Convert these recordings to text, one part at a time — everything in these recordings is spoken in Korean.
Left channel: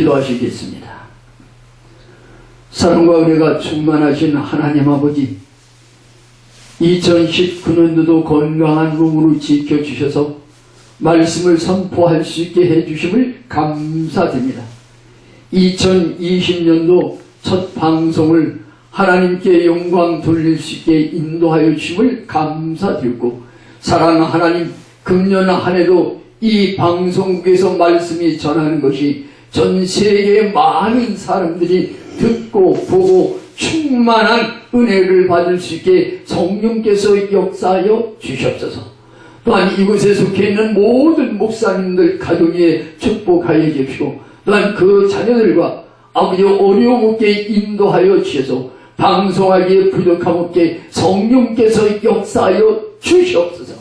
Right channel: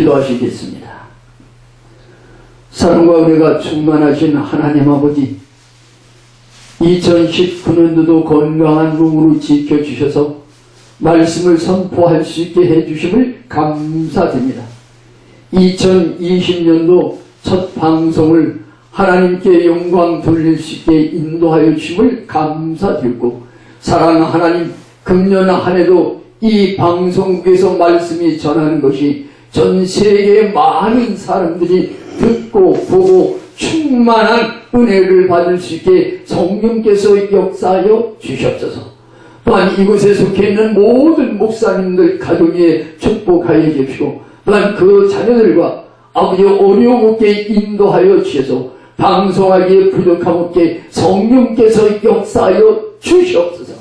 기도하시겠습니다. 사랑과 은혜가 충만하신 하나님 아버지, 2019년도도 건강한 몸으로 지켜주셔서 말씀을 선포할 수 있게 해주심을 감사드립니다. 2020년도 첫 방송을 하나님께 영광 돌릴 수 있게 인도하여 주심을 감사드리고, 사랑하는 하나님, 금년 한 해도 이 방송국에서 말씀이 전하는 것이 전 세계의 많은 사람들이 듣고 보고 충만한 은혜를 받을 수 있게 성령께서 역사하여 주시옵소서. 또한 이곳에 속해 있는 모든 목사님들 가족 위에 축복하여 주시고, 또한 그 자녀들과 아버지 어려움 없게 인도하여 주셔서 방송하기에 부족함 없게 성령께서 역사하여 주시옵소서.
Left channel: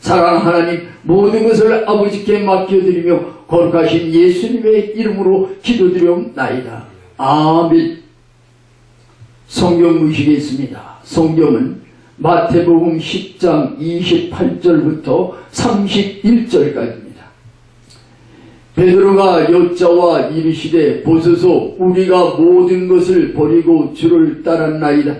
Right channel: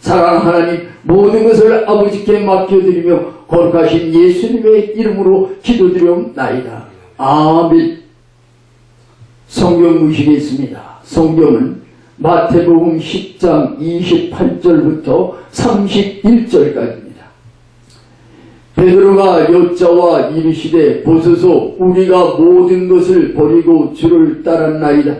사랑하는 하나님, 모든 것을 아버지께 맡겨드리며 거룩하신 예수님의 이름으로 기도드리옵나이다. 아멘. 성경 보시겠습니다. 성경은 마태복음 10장 28절부터 31절까지입니다. 베드로가 여짜와 이르시되 보소서, 우리가 모든 것을 버리고 주를 따랐나이다.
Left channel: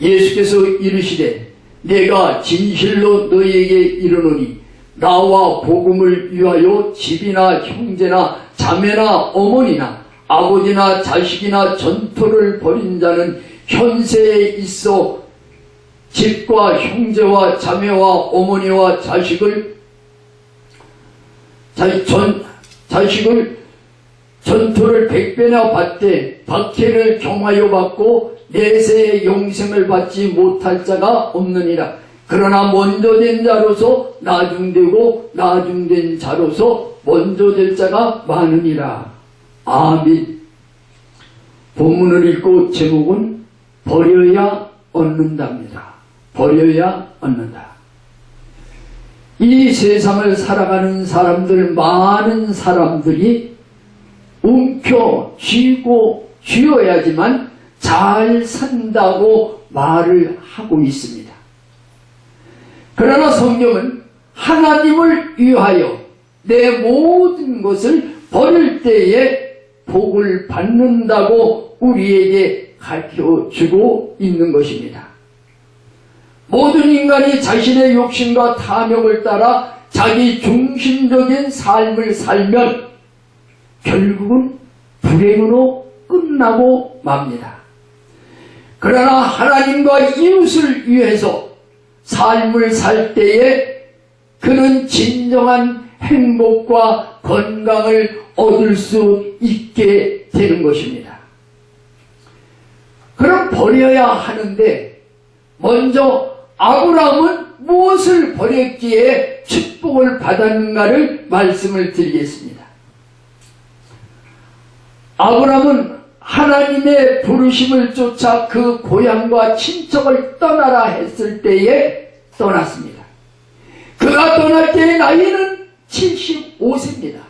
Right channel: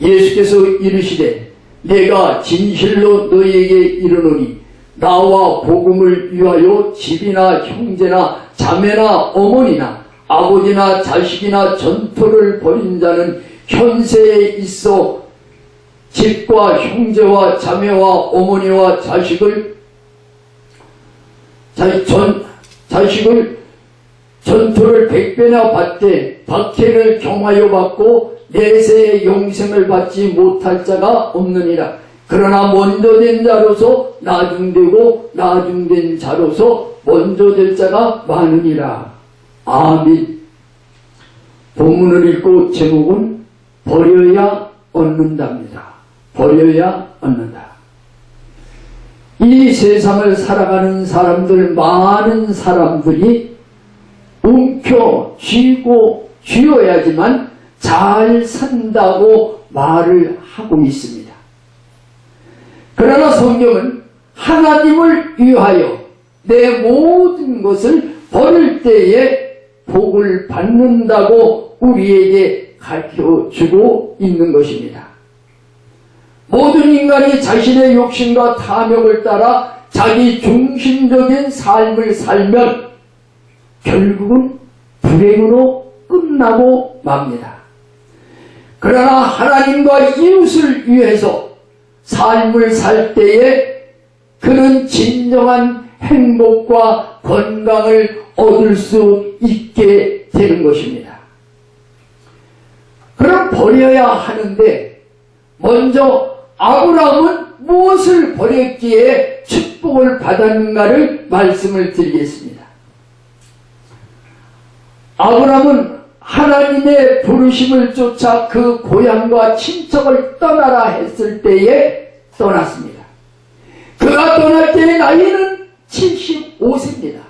예수께서 이르시되 내가 진실로 너희에게 이르노니 나와 복음을 위하여 집이나 형제나 자매나 어머니나 아버지나 자식이나 전토를 벌인 자는 현세에 있어 집과 형제와 자매와 어머니와 자식을 전토를 100배나 받되 박해를 경하여 받고 내세의 영생을 받지 못할 자가 없느니라. 그러나 먼저 된 자로서 나중되고 나중된 자로서 먼저 될 자가 많으니라. 아멘. 본문을 읽고 제목은 버려야 얻는답니다. 버려야 얻는다. 이 세상을 살아가는 사람들, 많은 사람들이 움켜쥐고 쥐어야지만 잘 산다고 말을 하고 있습니다. 그러나 성경은 하나님을 위하여 내 모든 것을 버릴 때에 복을 받는다고 우리에게 가르쳐주고 있는 것입니다. 모든 인간이 자신의 욕심과 탐욕을 따라 자기 중심적인 삶을 살면 결국은 불행으로 끝나고 맙니다. 그러나 하나님과 이웃을 위해서 삶을 살 때에 그는 진정한 행복과 건강을 얻을 수 있게 되는 것입니다. 그럼 버려야 하는데 먼저 아브라함은 무엇을 버렸기에 축복을 받았는가를 말씀을 드리겠습니다. 아브라함은 하나님의 부르심을 쫓아 그 고향과 친척을 떠나라 했을 때에 떠났습니다. 그가 떠날 때의 나이는 75세입니다.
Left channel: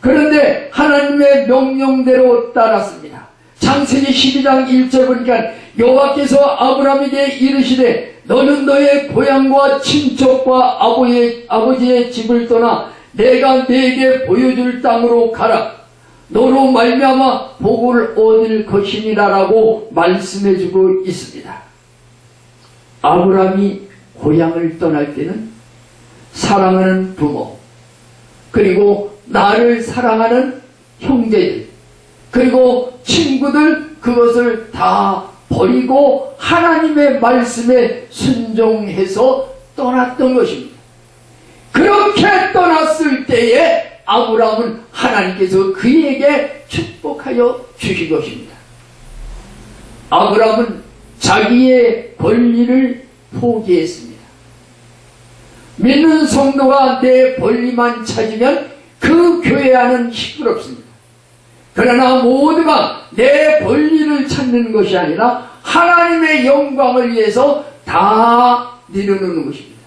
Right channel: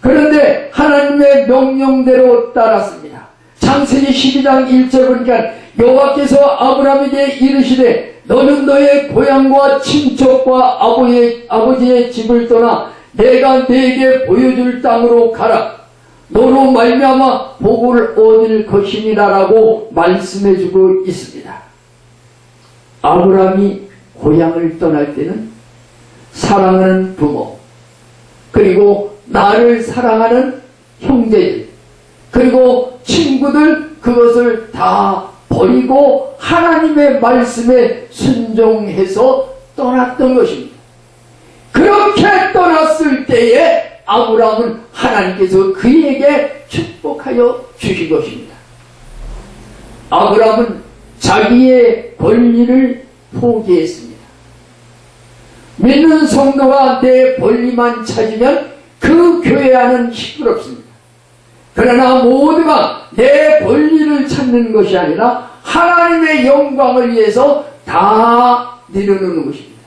그런데 하나님의 명령대로 따랐습니다. 창세기 12장 1절 보니까 여호와께서 아브라함에게 이르시되 너는 너의 고향과 친척과 아버지의 집을 떠나 내가 네게 보여줄 땅으로 가라. 너로 말미암아 복을 얻을 것이니라라고 말씀해주고 있습니다. 아브라함이 고향을 떠날 때는 사랑하는 부모, 그리고 나를 사랑하는 형제들, 그리고 친구들, 그것을 다 버리고 하나님의 말씀에 순종해서 떠났던 것입니다. 그렇게 떠났을 때에 아브라함은 하나님께서 그에게 축복하여 주신 것입니다. 아브라함은 자기의 권리를 포기했습니다. 믿는 성도가 내 권리만 찾으면 그 교회 안은 시끄럽습니다. 그러나 모두가 내 권리를 찾는 것이 아니라 하나님의 영광을 위해서 다 내려놓는 것입니다.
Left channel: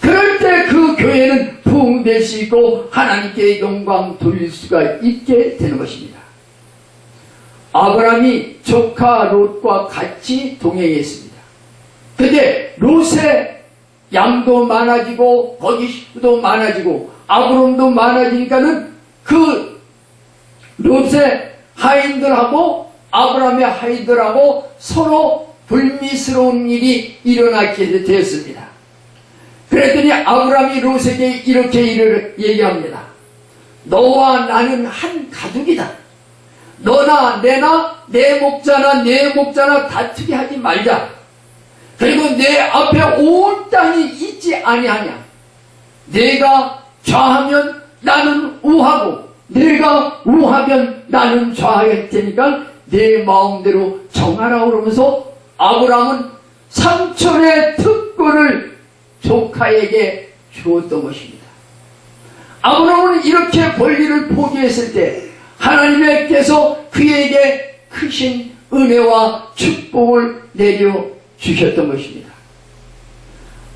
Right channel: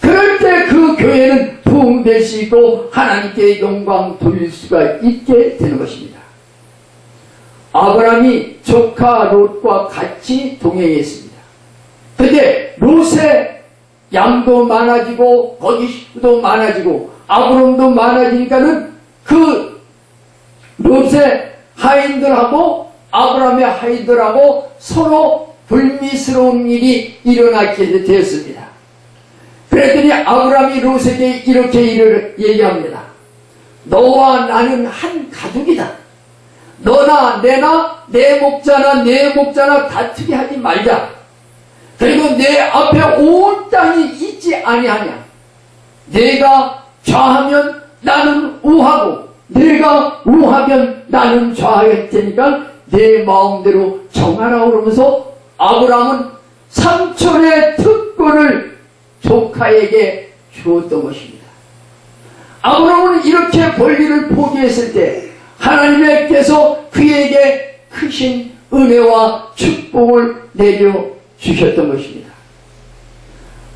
그럴 때 그 교회는 부흥될 수 있고 하나님께 영광 돌릴 수가 있게 되는 것입니다. 아브라함이 조카 롯과 같이 동행했습니다. 그때 롯의 양도 많아지고 거기 식구도 많아지고 아브람도 많아지니까는 그 롯의 하인들하고 아브라함의 하인들하고 서로 불미스러운 일이 일어나게 되었습니다. 그랬더니 아브라함이 롯에게 이렇게 일을 얘기합니다. 너와 나는 한 가족이다. 너나 내나 내 목자나 다투게 하지 말자. 그리고 내 앞에 온 땅이 있지 아니하냐. 내가 좌하면 나는 우하고 내가 우하면 나는 좌할 테니까 내 마음대로 정하라. 그러면서 아브라함은 삼촌의 특권을 조카에게 주었던 것입니다. 아브라함은 이렇게 권리를 포기했을 때 하나님께서 그에게 크신 은혜와 축복을 내려주셨던 것입니다.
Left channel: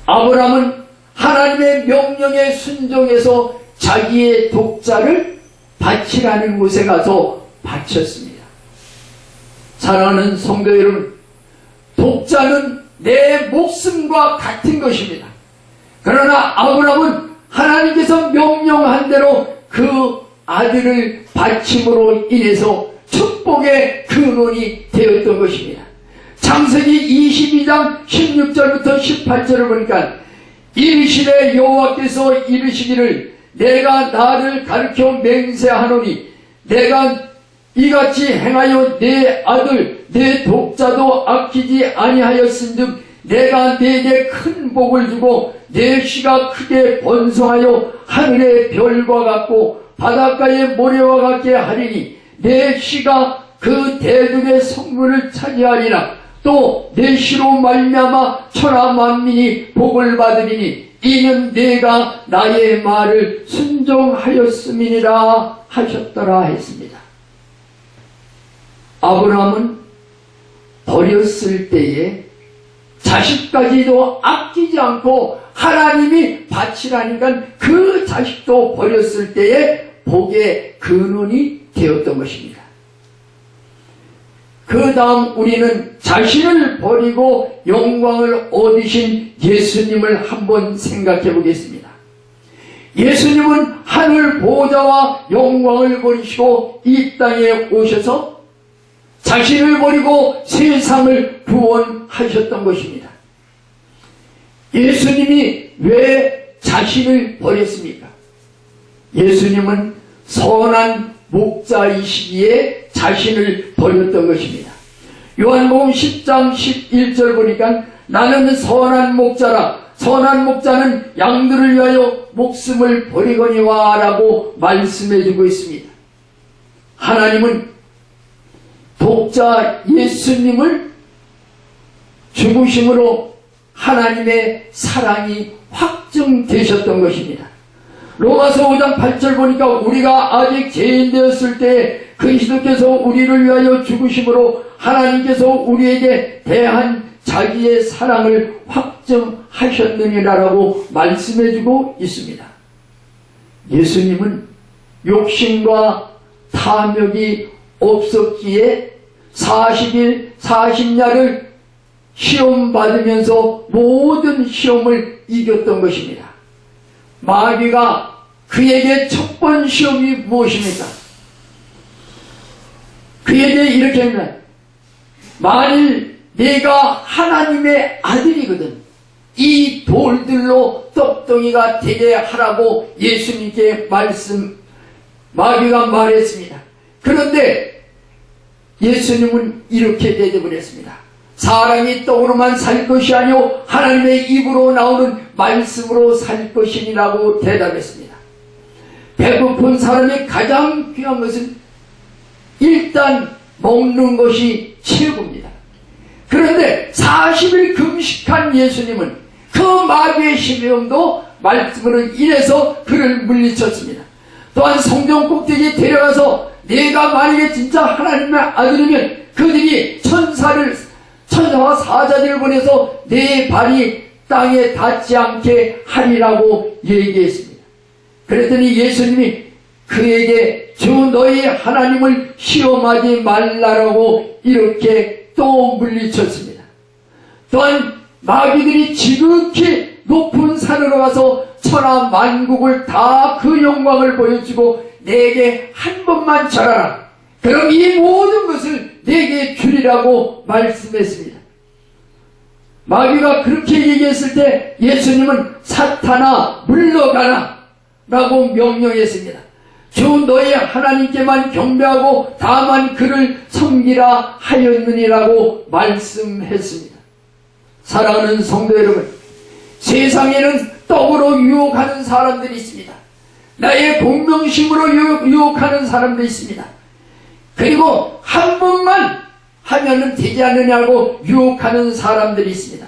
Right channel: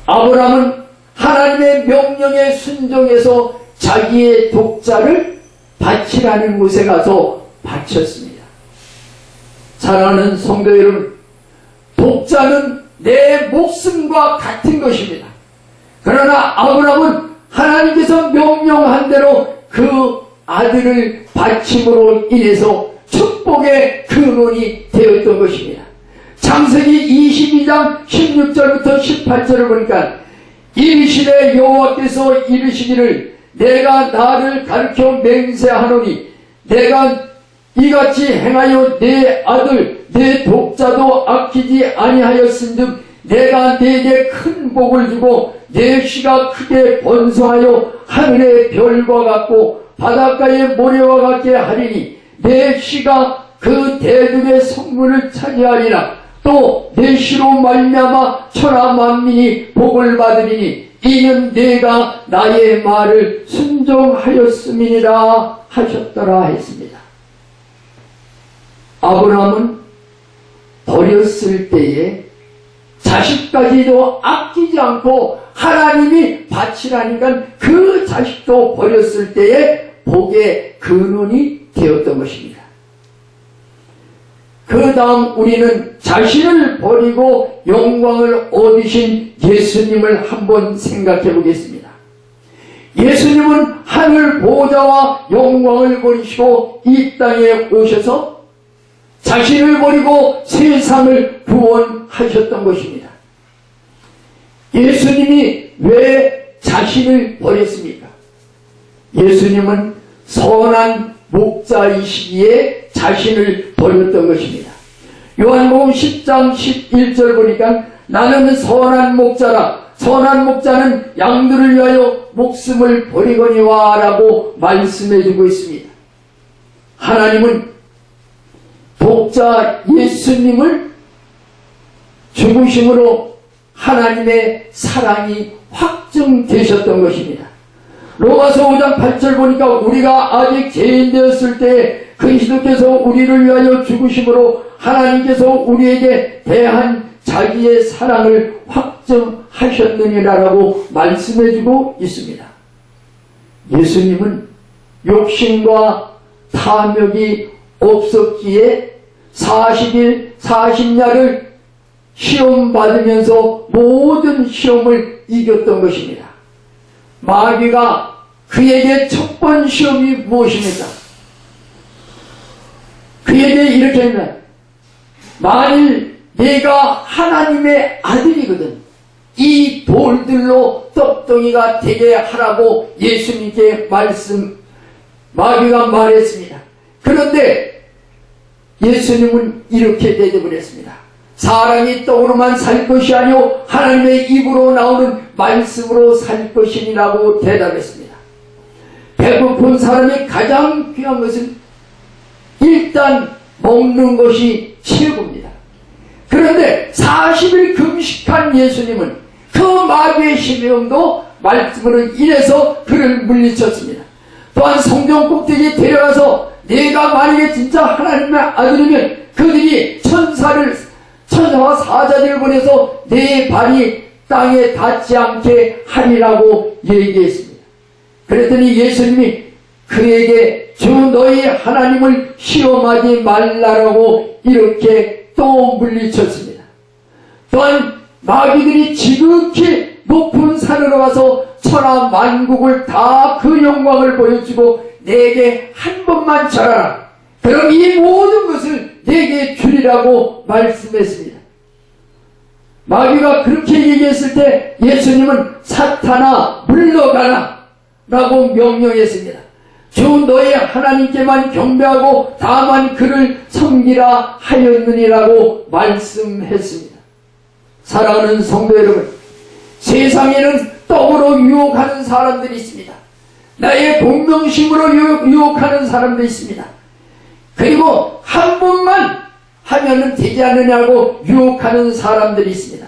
아브라함은 하나님의 명령에 순종해서 자기의 독자를 바치라는 곳에 가서 바쳤습니다. 사랑하는 성도 여러분, 독자는 내 목숨과 같은 것입니다. 그러나 아브라함은 하나님께서 명령한 대로 그 아들을 바침으로 인해서 축복의 근원이 되었던 것입니다. 창세기 22장 16절부터 18절을 보니까 이르시되 여호와께서 이르시기를 내가 나를 가르쳐 맹세하노니 내가 이같이 행하여 내 아들 내 독자도 아끼지 아니하였은즉 내가 네게 큰 복을 주고 내 씨가 크게 번성하여 하늘의 별과 같고 바닷가의 모래와 같게 하리니 내 씨가 그 대중의 성문을 차지하리라. 또 내 씨로 말미암아 천하 만민이 복을 받으리니 이는 내가 나의 말을 순종하였음이니라 하셨더라 했습니다. 아브라함은 버렸을 때에 자식까지도 아끼지 않고 하나님이 바치라니까 그 자식도 버렸을 때에 복의 근원이 되었던 것입니다. 그 다음 우리는 자신을 버리고 영광을 얻으신 예수님을 한번 생각해 보겠습니다. 예수님은 하늘 보좌와 영광을 버리시고 이 땅에 오셔서 자신을 버리고 세상을 구원하셨던 것입니다. 예수님이 왜 자신을 버렸습니까? 예수님은 선한 목자이시기에 자신을 버렸던 것입니다. 요한복음 10장 11절 보니까 나는 선한 목자라 선한 목자는 양들을 위하여 목숨을 버리거니와 라고 말씀해 주고 있습니다. 하나님은 독자 예수님을 죽으심으로 하나님의 사랑이 확증되셨던 것입니다. 로마서 5장 8절 보니까 우리가 아직 죄인 되었을 때 그리스도께서 우리를 위하여 죽으심으로 하나님께서 우리에게 대한 자기의 사랑을 확증하셨느니라라고 말씀해주고 있습니다. 예수님은 욕심과 탐욕이 없었기에 40일 40야를 시험 받으면서 모든 시험을 이겼던 것입니다. 마귀가 그에게 첫 번 시험이 무엇입니까? 그에게 이렇게 합니다. 만일 내가 하나님의 아들이거든 이 돌들로 떡덩이가 되게 하라고 예수님께 마귀가 말했습니다. 그런데 예수님은 이렇게 대답을 했습니다. 사람이 떡으로만 살 것이 아니오 하나님의 입으로 나오는 말씀으로 살 것이니라고 대답했습니다. 배고픈 사람이 가장 귀한 것은 일단 먹는 것이 최고입니다. 그런데 40일 금식한 예수님은 그 마귀의 시험도 말씀으로 인해서 그를 물리쳤습니다. 또한 성경 꼭대기에 데려가서 내가 만약에 진짜 하나님의 아들이면 그들이 천사와 사자들을 보내서 내 발이 땅에 닿지 않게 하리라고 얘기했습니다. 그랬더니 예수님이 그에게 주 너희 하나님을 시험하지 말라라고 이렇게 또 물리쳤습니다. 또한 마귀들이 지극히 높은 산으로 가서 천하 만국을 다 그 영광을 보여주고 내게 한 번만 절하라. 그럼 이 모든 것을 내게 주리라고 말씀했습니다. 마귀가 그렇게 얘기했을 때 예수님은 사탄아 물러가라 라고 명령했습니다. 주 너의 하나님께만 경배하고 다만 그를 섬기라 하였느니라고 말씀했습니다. 사랑하는 성도 여러분, 세상에는 떡으로 유혹하는 사람들이 있습니다. 나의 본명심으로 유혹하는 사람도 있습니다. 그리고 한 번만 하면은 되지 않느냐고 유혹하는 사람들이 있습니다.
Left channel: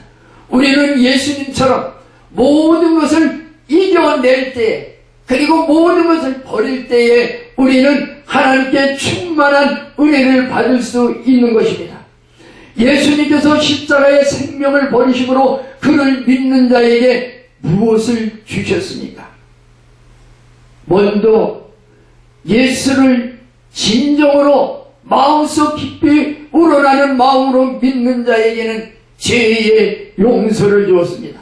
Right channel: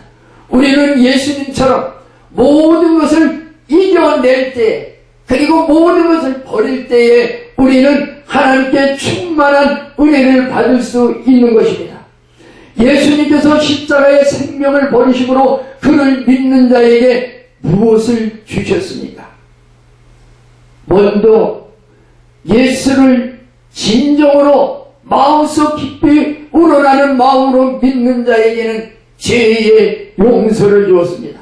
우리는 예수님처럼 모든 것을 이겨낼 때, 그리고 모든 것을 버릴 때에 우리는 하나님께 충만한 은혜를 받을 수 있는 것입니다. 예수님께서 십자가의 생명을 버리심으로 그를 믿는 자에게 무엇을 주셨습니까? 먼저 예수를 진정으로 마음속 깊이 우러나는 마음으로 믿는 자에게는 죄의 용서를 주었습니다.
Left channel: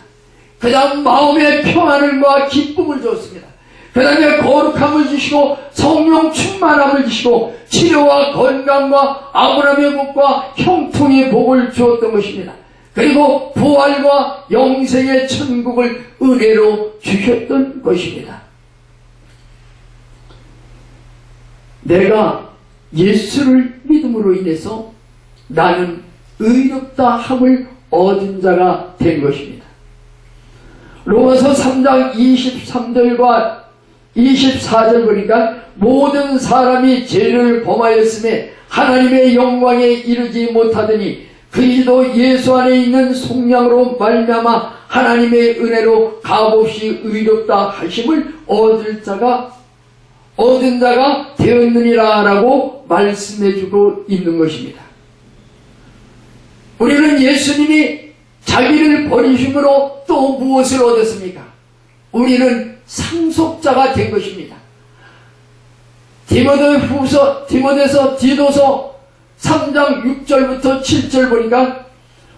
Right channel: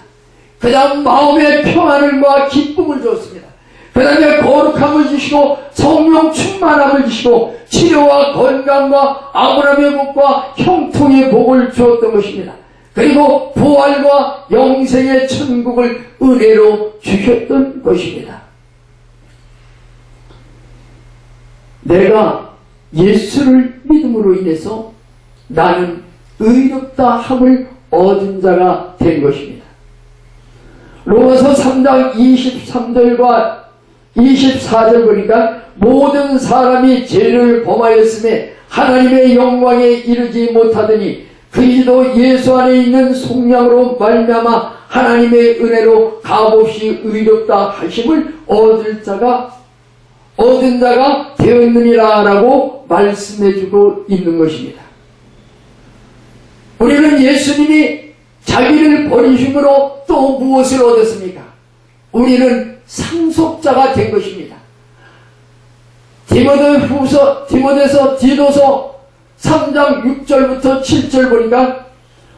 그 다음 마음의 평안과 기쁨을 주었습니다. 그 다음에 거룩함을 주시고 성령 충만함을 주시고 치료와 건강과 아브라함의 복과 형통의 복을 주었던 것입니다. 그리고 부활과 영생의 천국을 은혜로 주셨던 것입니다. 내가 예수를 믿음으로 인해서 나는 의롭다 함을 얻은 자가 된 것입니다. 로마서 3장 23절과 24절 보니까 모든 사람이 죄를 범하였음에 하나님의 영광에 이르지 못하더니 그리스도 예수 안에 있는 속량으로 말미암아 하나님의 은혜로 값없이 의롭다 하심을 얻은 자가 되었느니라 라고 말씀해주고 있는 것입니다. 우리는 예수님이 자기를 버리심으로 또 무엇을 얻었습니까? 우리는 상속자가 된 것입니다. 디도서 3장 6절부터 7절 보니까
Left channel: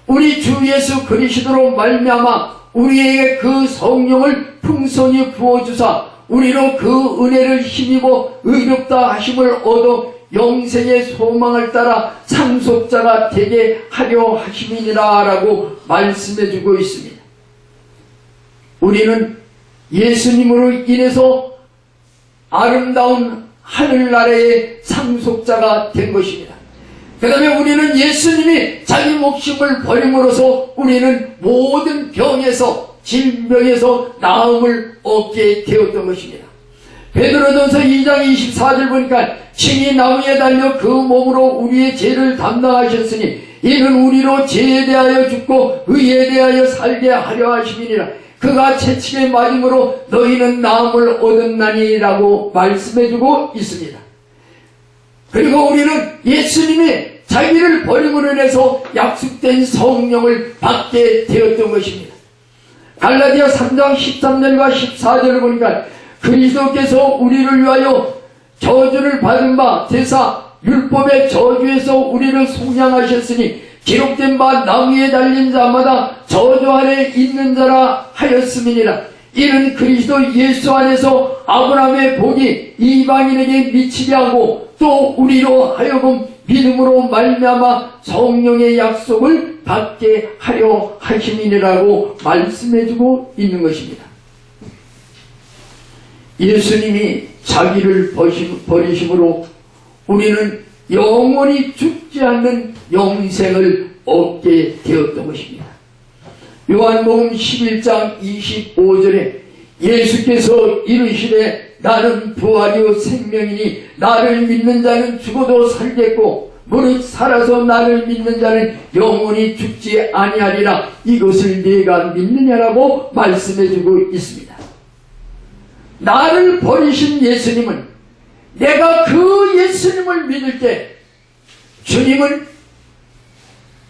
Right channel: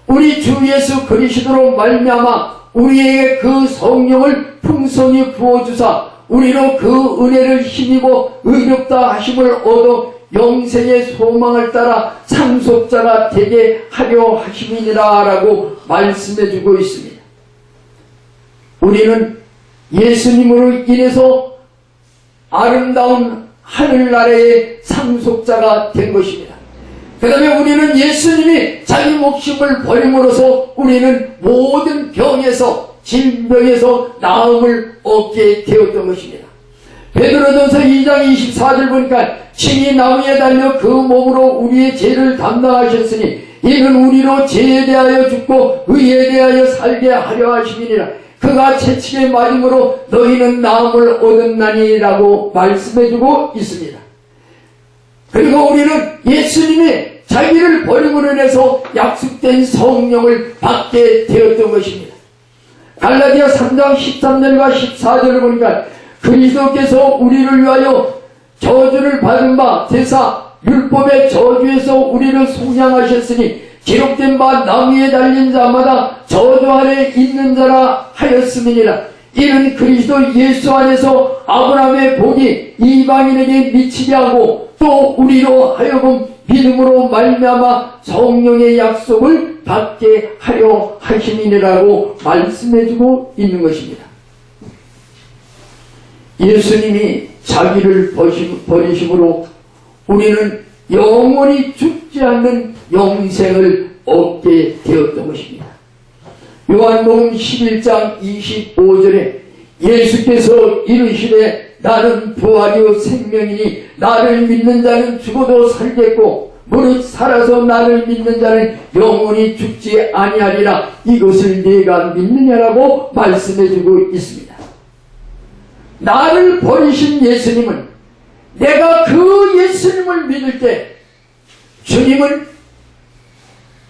우리 주 예수 그리스도로 말미암아 우리에게 그 성령을 풍성히 부어주사 우리로 그 은혜를 힘입어 의롭다 하심을 얻어 영생의 소망을 따라 상속자가 되게 하려 하심이니라 라고 말씀해주고 있습니다. 우리는 예수님으로 인해서 아름다운 하늘나라의 상속자가 된 것입니다. 그 다음에 우리는 예수님이 자기 목숨을 버림으로써 우리는 모든 병에서 질병에서 나음을 얻게 되었던 것입니다. 베드로전서 2장 24절 보니까 친히 나무에 달려 그 몸으로 우리의 죄를 담당하셨으니 이는 우리로 죄에 대하여 죽고 의에 대하여 살게 하려 하심이니라. 그가 채찍에 맞음으로 너희는 나음을 얻었나니라고 말씀해주고 있습니다. 그리고 우리는 예수님이 자기를 버림으로 인해서 약속된 성령을 받게 되었던 것입니다. 갈라디아 3장 13절과 14절을 보니까 그리스도께서 우리를 위하여 저주를 받은 바 되사 율법의 저주에서 우리를 속량하셨으니 기록된 바 나무에 달린 자마다 저주 아래 있는 자라 하였음이니라. 이는 그리스도 예수 안에서 아브라함의 복이 이방인에게 미치게 하고 또 우리로 하여금 믿음으로 말미암아 성령의 약속을 받게 하려 하심이니라고 말씀해주고 있는 것입니다. 예수님이 자기를 버리심으로 우리는 영원히 죽지 않는 영생을 얻게 되었던 것입니다. 요한복음 11장 25절에 예수께서 이르시되 나는 부활이요 생명이니 나를 믿는 자는 죽어도 살겠고 무릇 살아서 나를 믿는 자는 영원히 죽지 아니하리라. 이것을 네가 믿느냐라고 말씀해주고 있습니다. 나를 버리신 예수님은 내가 그 예수님을 믿을 때 주님은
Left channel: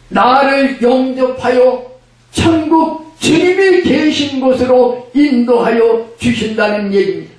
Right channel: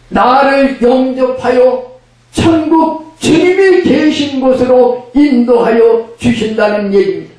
나를 영접하여 천국 주님이 계신 곳으로 인도하여 주신다는 얘기입니다.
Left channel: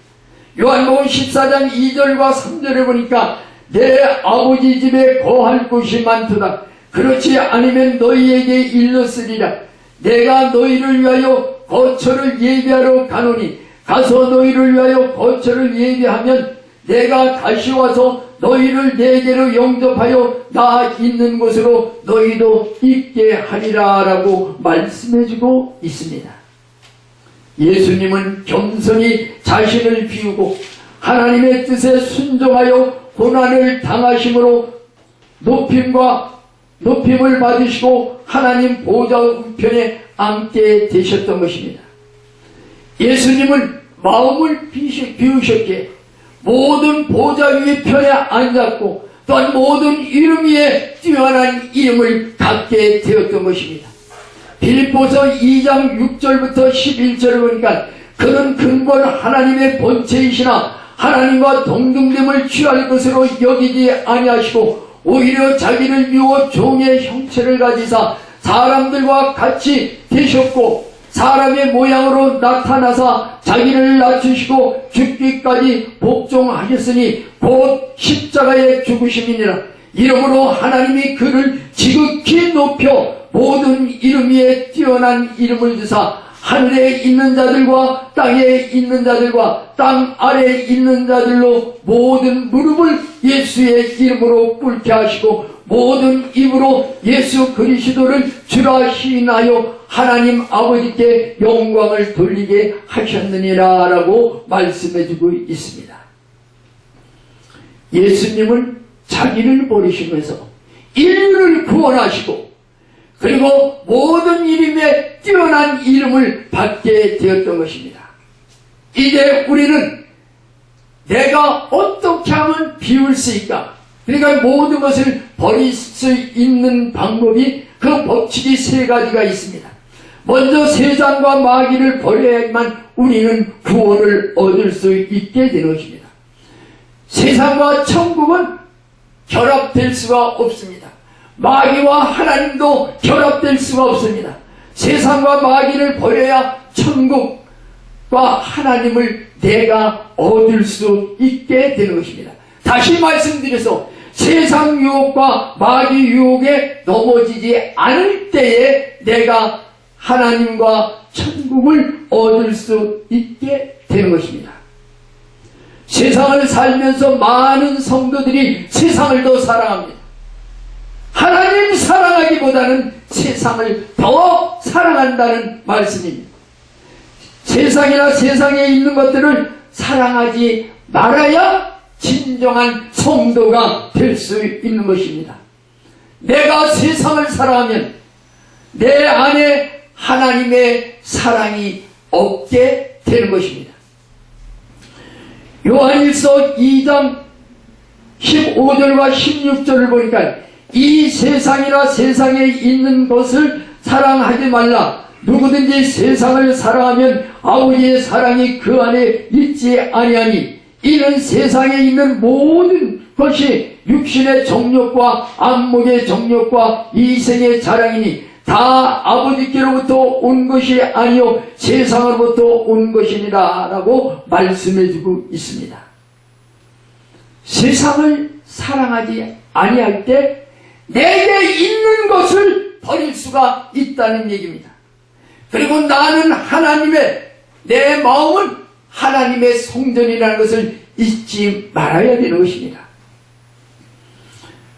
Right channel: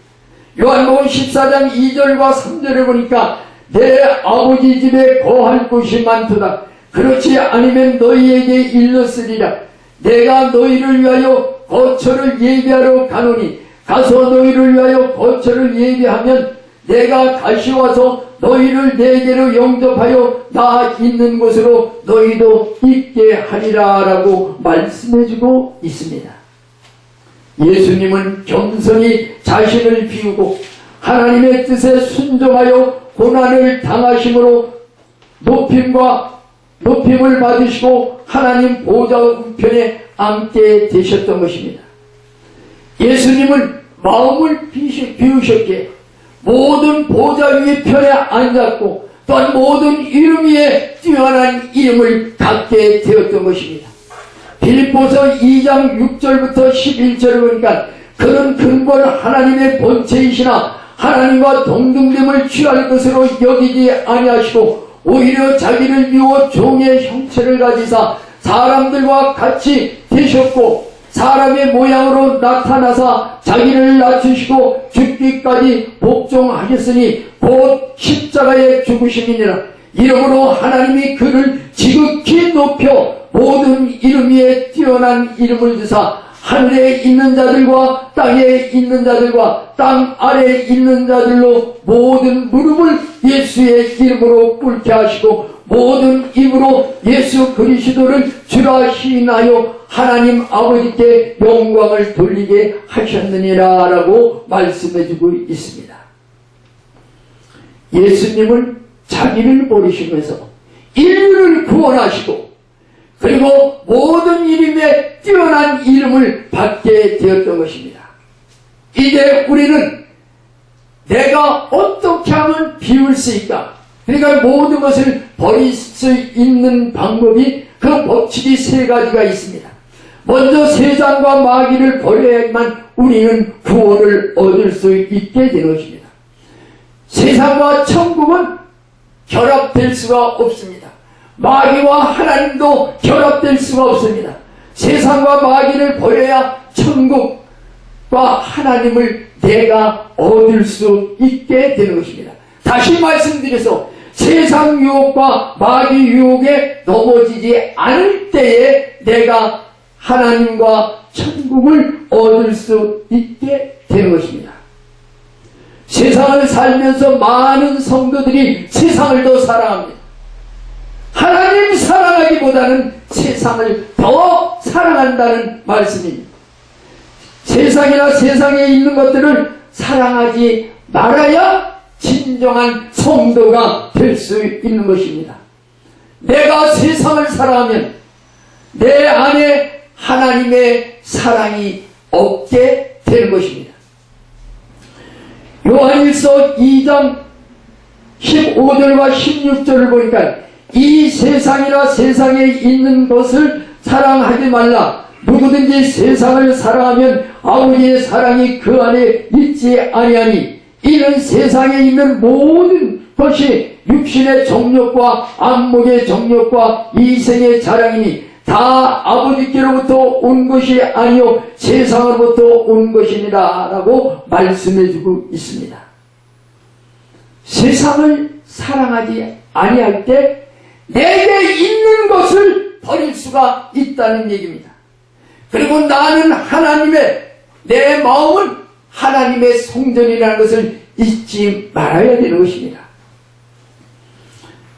요한복음 14장 2절과 3절에 보니까 내 아버지 집에 거할 곳이 많도다. 그렇지 않으면 너희에게 일렀으리라. 내가 너희를 위하여 거처를 예비하러 가노니 가서 너희를 위하여 거처를 예비하면 내가 다시 와서 너희를 내게로 영접하여 나 있는 곳으로 너희도 있게 하리라 라고 말씀해주고 있습니다. 예수님은 겸손히 자신을 비우고 하나님의 뜻에 순종하여 고난을 당하심으로 높임을 받으시고 하나님 보좌 우편에 앉게 되셨던 것입니다. 예수님은 마음을 비우셨기에 모든 보좌 위의 편에 앉았고 또한 모든 이름 위에 뛰어난 이름을 갖게 되었던 것입니다. 빌립보서 2장 6절부터 11절을 보니까 그는 근본 하나님의 본체이시나 하나님과 동등됨을 취할 것으로 여기지 아니하시고 오히려 자기를 비워 종의 형체를 가지사 사람들과 같이 되셨고 사람의 모양으로 나타나사 자기를 낮추시고 죽기까지 복종하셨으니 곧 십자가에 죽으심이니라. 이러므로 하나님이 그를 지극히 높여 모든 이름 위에 뛰어난 이름을 주사 하늘에 있는 자들과 땅에 있는 자들과 땅 아래에 있는 자들로 모든 무릎을 예수의 이름으로 꿇게 하시고 모든 입으로 예수 그리스도를 주라 시인하여 하나님 아버지께 영광을 돌리게 하셨느니라 라고 말씀해주고 있습니다. 예수님은 자기를 버리시면서 인류를 구원하시고 그리고 모든 이름에 뛰어난 이름을 받게 되었던 것입니다. 이제 우리는 내가 어떻게 하면 비울 수 있까? 그러니까 모든 것을 버릴 수 있는 방법이 그 법칙이 세 가지가 있습니다. 먼저 세상과 마귀를 버려야만 우리는 구원을 얻을 수 있게 되는 것입니다. 세상과 천국은 결합될 수가 없습니다. 마귀와 하나님도 결합될 수가 없습니다. 세상과 마귀를 버려야 천국과 하나님을 내가 얻을 수 있게 되는 것입니다. 다시 말씀드려서 세상 유혹과 마귀 유혹에 넘어지지 않을 때에 내가 하나님과 천국을 얻을 수 있게 되는 것입니다. 세상을 살면서 많은 성도들이 세상을 더 사랑합니다. 하나님 사랑하기보다는 세상을 더 사랑한다는 말씀입니다. 세상이나 세상에 있는 것들을 사랑하지 말아야 진정한 성도가 될 수 있는 것입니다. 내가 세상을 사랑하면 내 안에 하나님의 사랑이 없게 되는 것입니다. 요한일서 2장 15절과 16절을 보니까 이 세상이나 세상에 있는 것을 사랑하지 말라. 누구든지 세상을 사랑하면 아버지의 사랑이 그 안에 있지 아니하니 이는 세상에 있는 모든 것이 육신의 정욕과 안목의 정욕과 이생의 자랑이니 다 아버지께로부터 온 것이 아니요 세상으로부터 온 것이니라 라고 말씀해주고 있습니다. 세상을 사랑하지 아니할 때 내게 있는 것을 버릴 수가 있다는 얘기입니다. 그리고 나는 내 마음은 하나님의 성전이라는 것을 잊지 말아야 되는 것입니다.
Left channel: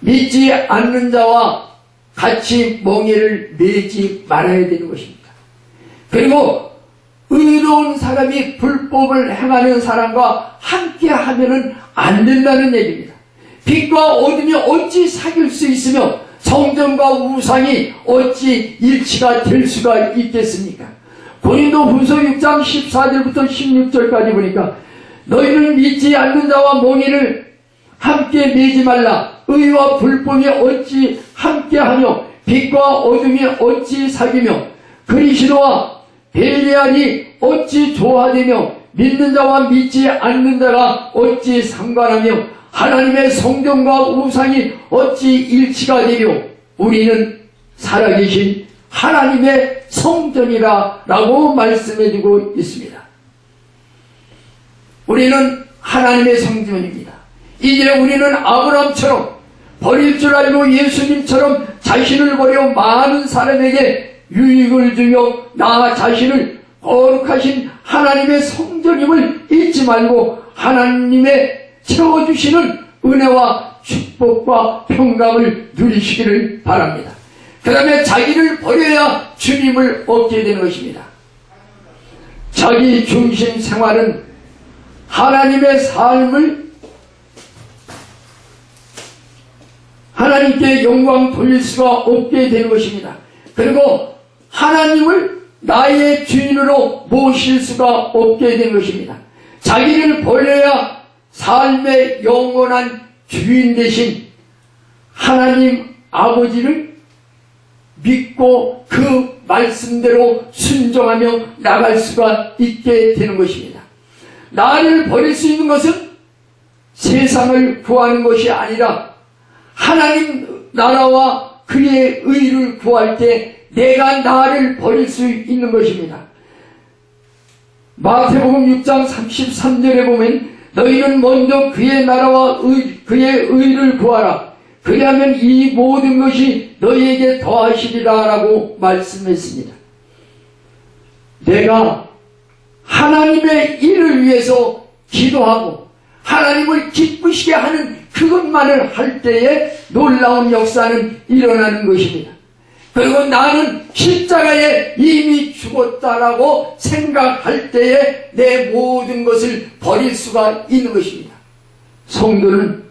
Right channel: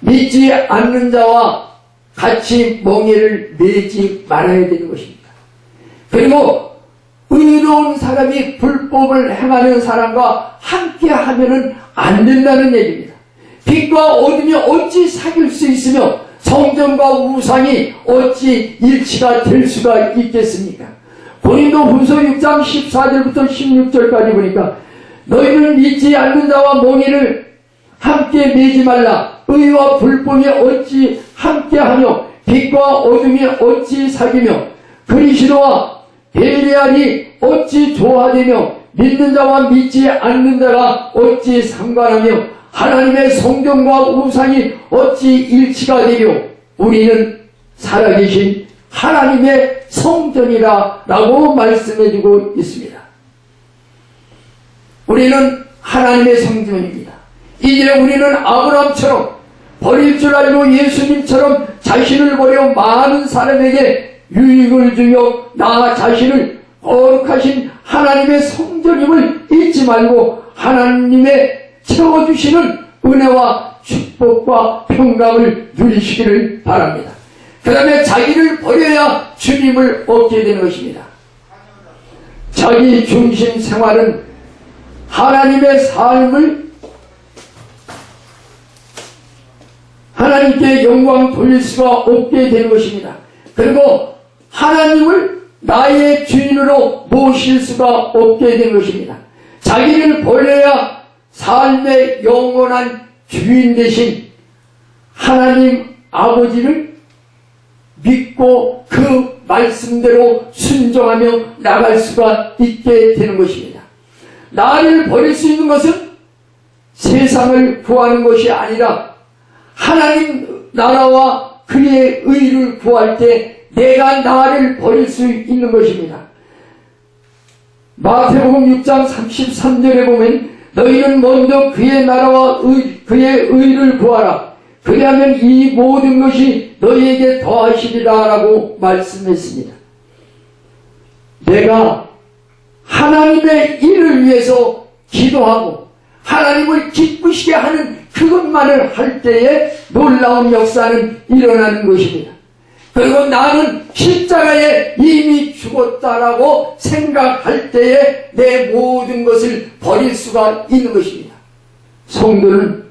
믿지 않는 자와 같이 멍에를 매지 말아야 되는 것입니다. 그리고 의로운 사람이 불법을 행하는 사람과 함께 하면은 안 된다는 얘기입니다. 빛과 어둠이 어찌 사귈 수 있으며 성전과 우상이 어찌 일치가 될 수가 있겠습니까? 고린도후서 6장 14절부터 16절까지 보니까 너희는 믿지 않는 자와 멍에를 함께 매지 말라. 의와 불법이 어찌 함께하며 빛과 어둠이 어찌 사귀며 그리스도와 벨리알이 어찌 조화되며 믿는 자와 믿지 않는 자가 어찌 상관하며 하나님의 성전과 우상이 어찌 일치가 되며 우리는 살아계신 하나님의 성전이라 라고 말씀해주고 있습니다. 우리는 하나님의 성전입니다. 이제 우리는 아브라함처럼 버릴 줄 알고 예수님처럼 자신을 버려 많은 사람에게 유익을 주며 나 자신을 거룩하신 하나님의 성전임을 잊지 말고 하나님의 채워주시는 은혜와 축복과 평강을 누리시기를 바랍니다. 그 다음에 자기를 버려야 주님을 얻게 되는 것입니다. 자기 중심 생활은 하나님의 삶을 하나님께 영광 돌릴 수가 없게 되는 것입니다. 그리고 하나님을 나의 주인으로 모실 수가 없게 되는 것입니다. 자기를 버려야 삶의 영원한 주인 되신 하나님 아버지를 믿고 그 말씀대로 순종하며 나갈 수가 있게 되는 것입니다. 나를 버릴 수 있는 것은 세상을 구하는 것이 아니라 하나님 나라와 그의 의를 구할 때 내가 나를 버릴 수 있는 것입니다. 마태복음 6장 33절에 보면 너희는 먼저 그의 나라와 그의 의를 구하라. 그리하면 이 모든 것이 너희에게 더하시리라 라고 말씀했습니다. 내가 하나님의 일을 위해서 기도하고 하나님을 기쁘시게 하는 그것만을 할 때에 놀라운 역사는 일어나는 것입니다. 그리고 나는 십자가에 이미 죽었다라고 생각할 때에 내 모든 것을 버릴 수가 있는 것입니다. 성도는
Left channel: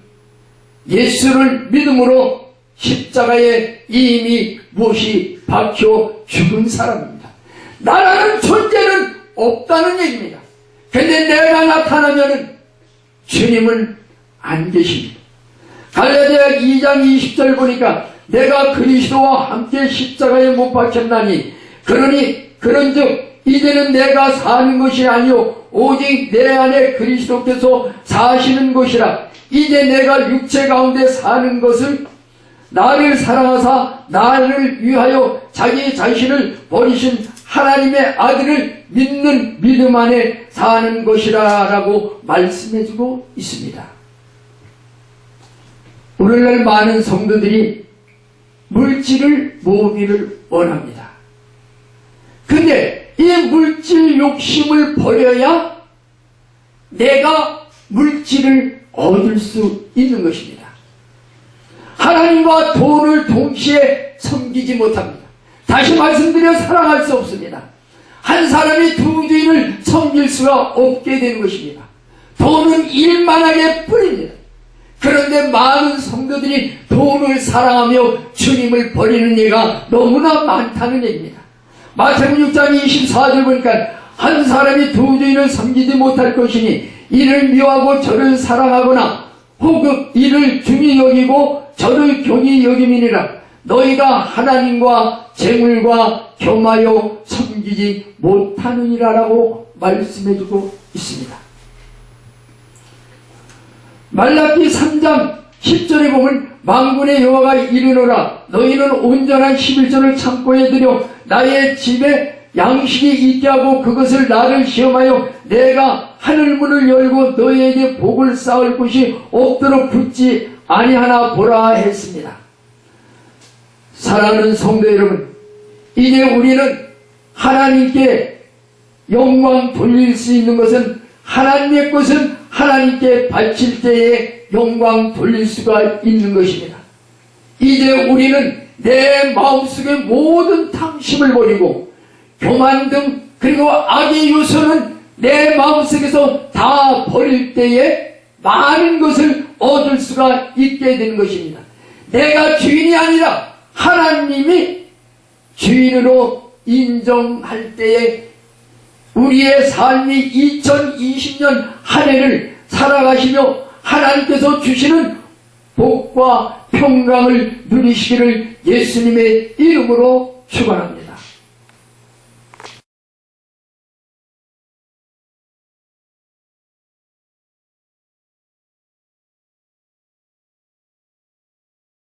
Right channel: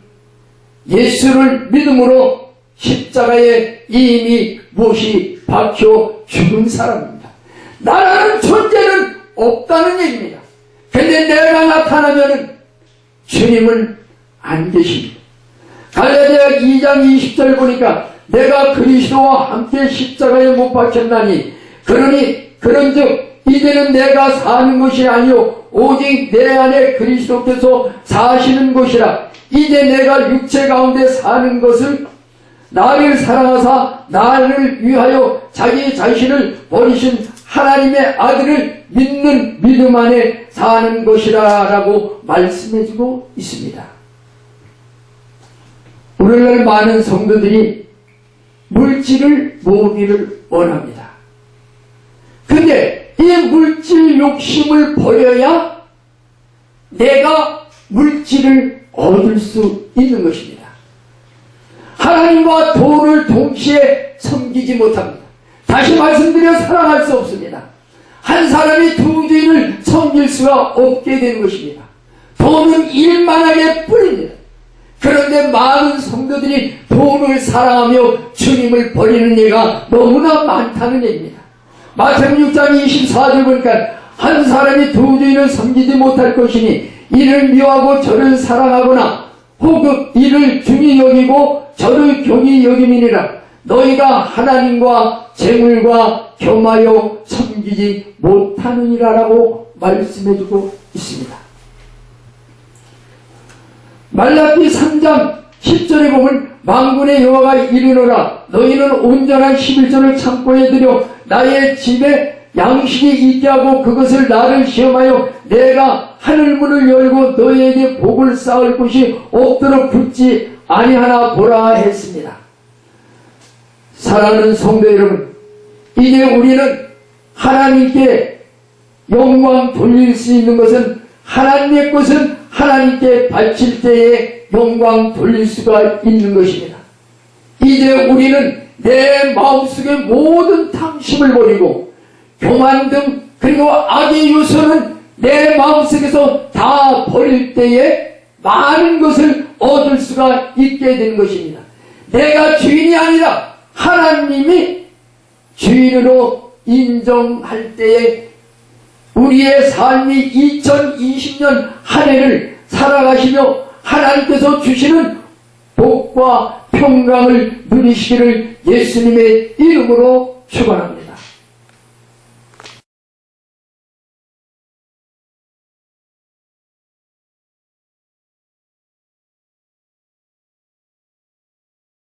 예수를 믿음으로 십자가에 이미 못이 박혀 죽은 사람입니다. 나라는 존재는 없다는 얘기입니다. 근데 내가 나타나면은 주님은 안 계십니다. 갈라디아 2장 20절 보니까 내가 그리스도와 함께 십자가에 못 박혔나니 그런즉 이제는 내가 사는 것이 아니요 오직 내 안에 그리스도께서 사시는 것이라. 이제 내가 육체 가운데 사는 것을 나를 사랑하사 나를 위하여 자기 자신을 버리신 하나님의 아들을 믿는 믿음 안에 사는 것이라 라고 말씀해주고 있습니다. 오늘날 많은 성도들이 물질을 모으기를 원합니다. 근데 이 물질 욕심을 버려야 내가 물질을 얻을 수 있는 것입니다. 하나님과 돈을 동시에 섬기지 못합니다. 다시 말씀드려 사랑할 수 없습니다. 한 사람이 두 주인을 섬길 수가 없게 되는 것입니다. 돈은 일만하게 뿐입니다. 그런데 많은 성도들이 돈을 사랑하며 주님을 버리는 예가 너무나 많다는 얘기입니다. 마태복음 6장 24절 보니까 한 사람이 두 주인을 섬기지 못할 것이니 이를 미워하고 저를 사랑하거나 혹은 이를 중히 여기고 저를 경히 여김이니라. 너희가 하나님과 재물과 겸하여 섬기지 못하느니라 라고 말씀해주고 있습니다. 말라기 3장 10절에 보면 만군의 여호와가 이르노라. 너희는 온전한 11조를 창고에 들여 나의 집에 양식이 있게 하고 그것을 나를 시험하여 내가 하늘문을 열고 너희에게 복을 쌓을 곳이 없도록 붙지 아니하나 보라 했습니다. 사랑하는 성도 여러분, 이제 우리는 하나님께 영광 돌릴 수 있는 것은 하나님의 것은 하나님께 바칠 때에 영광 돌릴 수가 있는 것입니다. 이제 우리는 내 마음속의 모든 탐심을 버리고 교만 등 그리고 악의 요소는 내 마음속에서 다 버릴 때에 많은 것을 얻을 수가 있게 되는 것입니다. 내가 주인이 아니라 하나님이 주인으로 인정할 때에 우리의 삶이 2020년 한 해를 살아가시며 하나님께서 주시는 복과 평강을 누리시기를 예수님의 이름으로 축원합니다.